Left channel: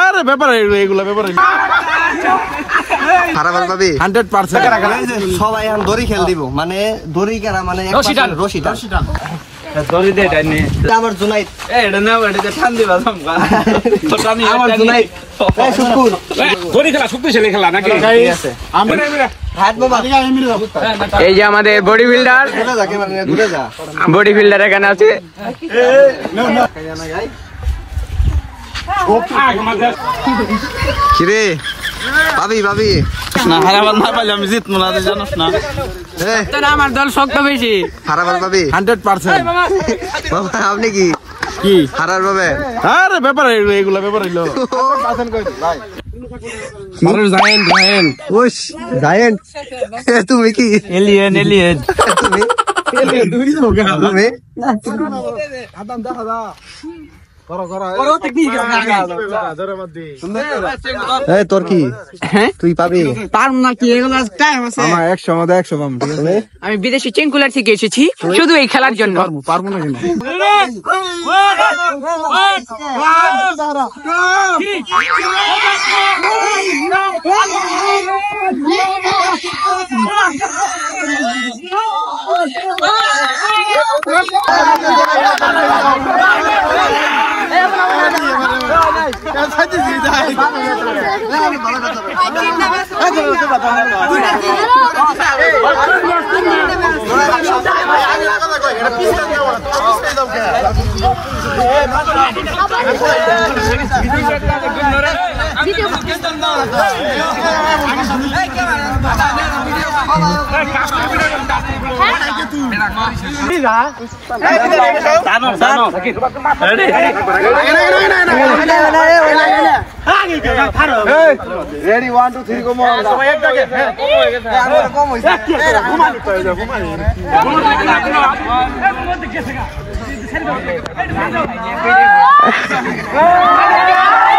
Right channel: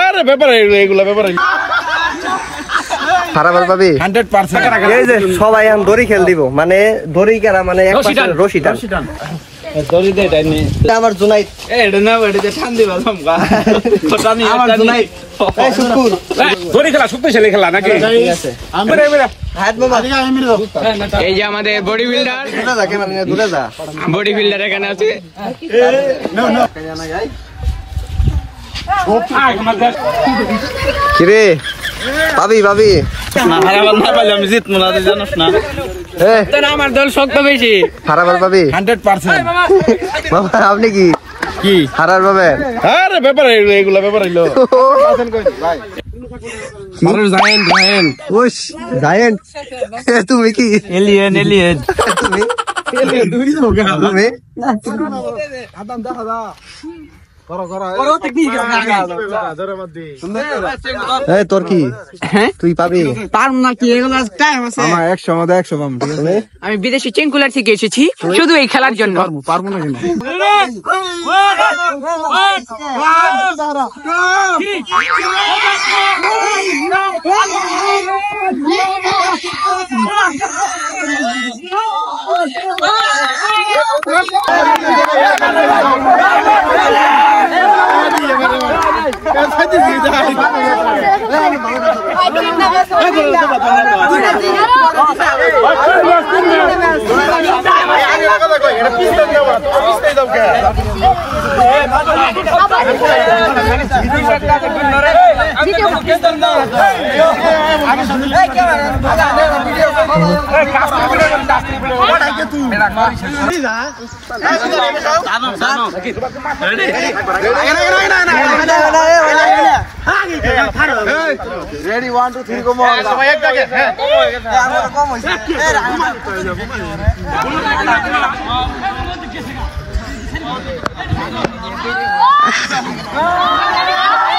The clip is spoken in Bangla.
আরে ব্যাপার এগুলা ব্যাপার হারাবার পাবি 100%। এই যে সবাই এখন দড়ি খেল দিব, মানে দড়ি কারা, মানে এক পাশে রশি টান। দড়ি দে টানি আমার জুনাইদ, এটা না ওইটাতে টান দিবা তোমরা টানি আমার জুনাইদ এই সুকুল দড়ি খেলা শক্তিশালী খেলা নাকি? ঠিক আছে হাত মোবাইল এই যে আমাদের বডি বিল্ডার, দূরে যা, ক্যামেরা নিয়ে দূরে যা। বডি বিল্ডার এখানে আছে। কিরে পাবি পাবি হারাবার না পাইলে আমি জিতবো না, তুই জানোস না। আমার দল শক্ত বেশি। হারাবার পাবি 100%। বাবা আপনি কি কি হারার পাবে? আরে ব্যাপার এগুলা ব্যাপার হইলো জায়েন্ট ওস জায়েন্ট তুমি কি এলিয়েন এলিয়েন তুমি তুমি এই তোর কি তুই পাবি? পারবো না কি, এগুলো টাইম আছে। আমার 100 মধ্যে 100 পাম, ঠিক আছে? আমি বিদেশি চেঙ্কুলার থেকে এসেছি শুধু এই খেলার জন্য। পারবো না কেন? Ready, 1 2 3 go more. Oh!